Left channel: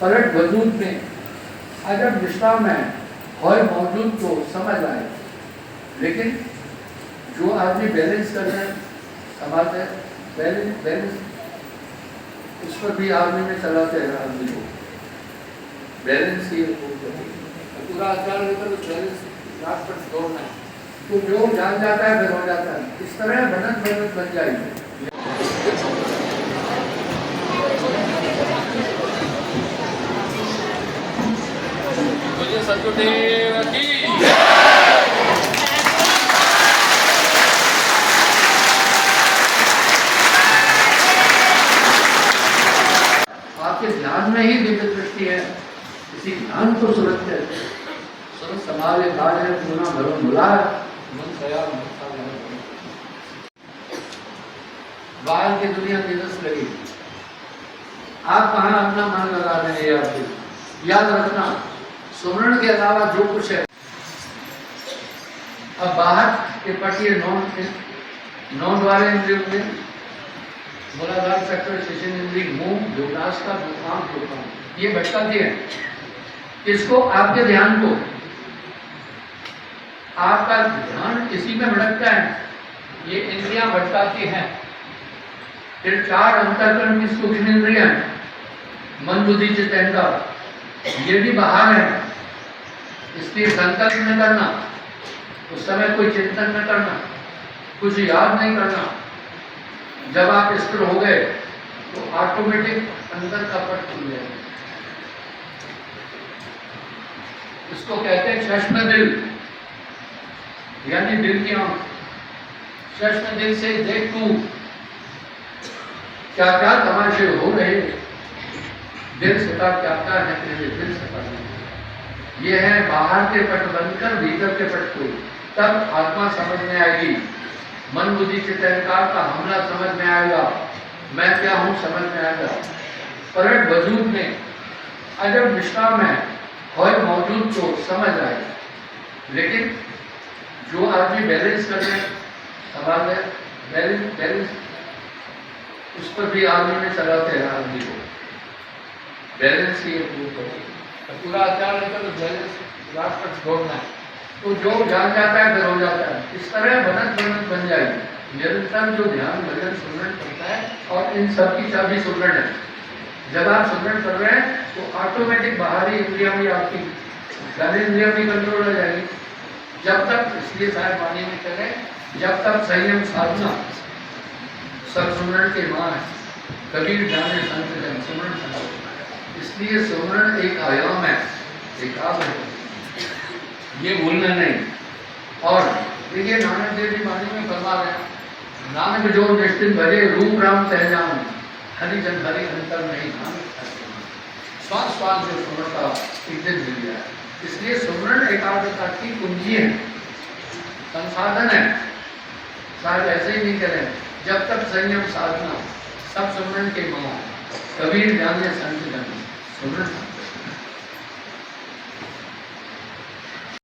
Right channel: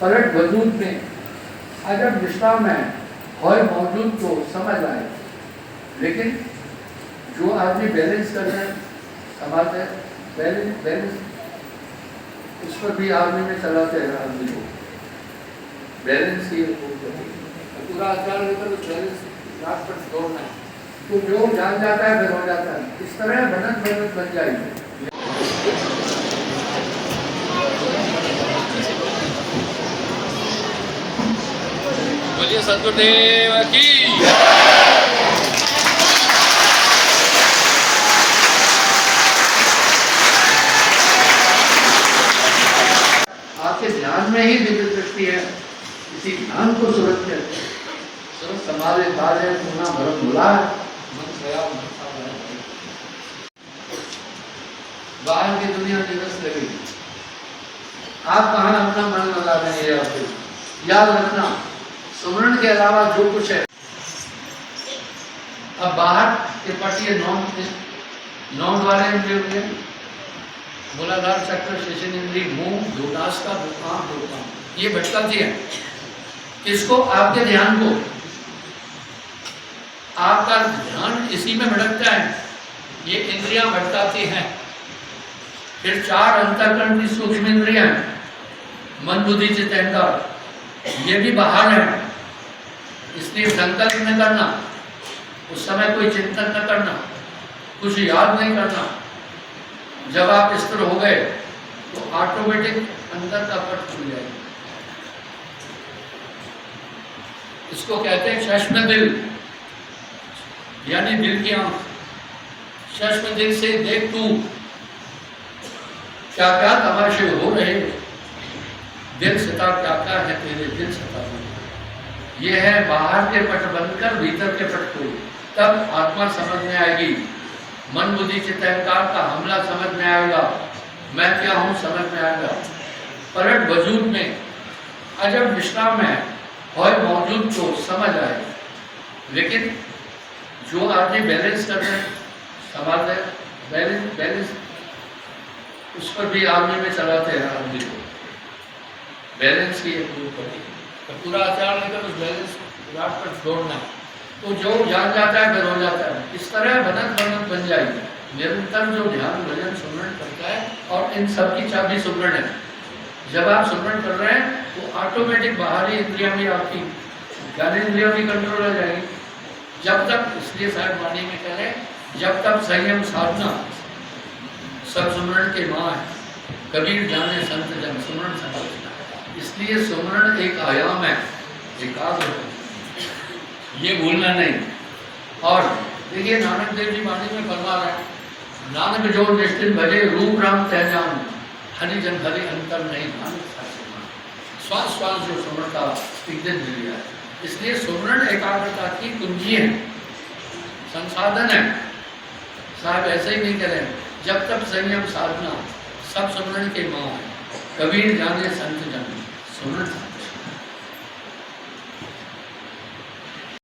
पलट वजूद में अजब विश्राम है और मौजूद तो समझ आए। लेकिन जो आदमी बैलेंस कर रहे हैं समाज है, बैलेंस उस पर भी आदमी में चलाते हैं। आदमी को बैलेंस की पूरा आचार लेकर उस बैलेंस रात पर दौड़ना है, तो जो जान जाता है फिर हो जाता है। इस तरह बनत बन जाएगी। बोलिए सदगुरुदेव की। आपके ध्यान में ही दिव्य दृष्टि है, इसी ध्यान को सुरक्षित संभाले कार्य पुनः भरो मिला बाहर की दुनिया दिवस लगेगी। आप कहाँ अपना मन लगा रहे हैं ये आपको याद रखना। सुमरण के अलावा जो कुछ है, अब बाहर के पटिए नौ द्वारे इंद्रिय मूलाधार चक्र शेषन इंद्रिय मुंह दोलास्ता भूकाम ये भटकाती है। किसको? आपके ध्यान को। आपका ध्यान इसी में भटकता है, ये इंद्रियां भटकाती हैं। फिर चार अंतःकरण की सूक्ष्म इंद्रियां मन बुद्धि चित्त अहंकार, ये भी बाहर है। इसलिए संकल्प न करना, उस समय कोई चिंतन न करना, कुछ याद नहीं करना। जब आप स्थिर हो गए तो ऑटोमेटिक अंदर का पट खुल जाएगा। इसको कहते हैं चश्मे दिल, यानी दिल की आंख। चश्मे दिल से देख तू क्या क्या तमाशे हो रहे, दिल सता क्या क्या है तेरे दिल सता। ये है बाहर के पट बंद कर भीतर के पट खोल, तब आत्मा समझ में आएगी। मन बुद्धि चित्त अहंकार का हमला समझ में आएगा, मैं क्या हूँ समझ में आएगा। पलट वजूद में अजब विश्राम है और मौजूद तो समझ आए। लेकिन जो आदमी बैलेंस कर रहे हैं सवाल है, बैलेंस उस पर भी आदमी में चलाते हैं। आदमी को बैलेंस की पूरा आचार लेकर उस बैलेंस रात पर दौड़ना है, तो जो जान जाता है फिर हो जाता है। इस तरह बनत बन जाएगी। निरंतर जो ध्यान भजन सुमरण करता है, और इन सब की चाबी सुमरण है। जब आप सुमरण कर रहे हैं तो ऑटोमेटिक बाहरी इंद्रिया में आपकी इंद्रिया भी कंट्रोल हो जाएगी। जब तक, इसलिए साहब वाणी में कह रहे हैं, जब तक संयम साधना सब सुमरण के माँ है। कबीर जाने संत जन सुमरण संभाल। इसलिए सुमरण एक आयाम है, एकाग्र, ये भूलना नहीं। और देखिए नानक देव जी वाणी में फरमा रहे हैं, नानक जो निष्ठिन भजे रूप राम तह जान, हरिजन हरि अंतर नहीं नानक। श्वास श्वास जो सुमरण का एक दिन मिल गया है। इसलिए सुमरण एकाग्रता की कुंजी है, संसाधन है। साहब ऐसे ही नहीं करें, जब तक संयम साधना सब सुमरण के माँ है। कबीर जाने संत जन सुमरण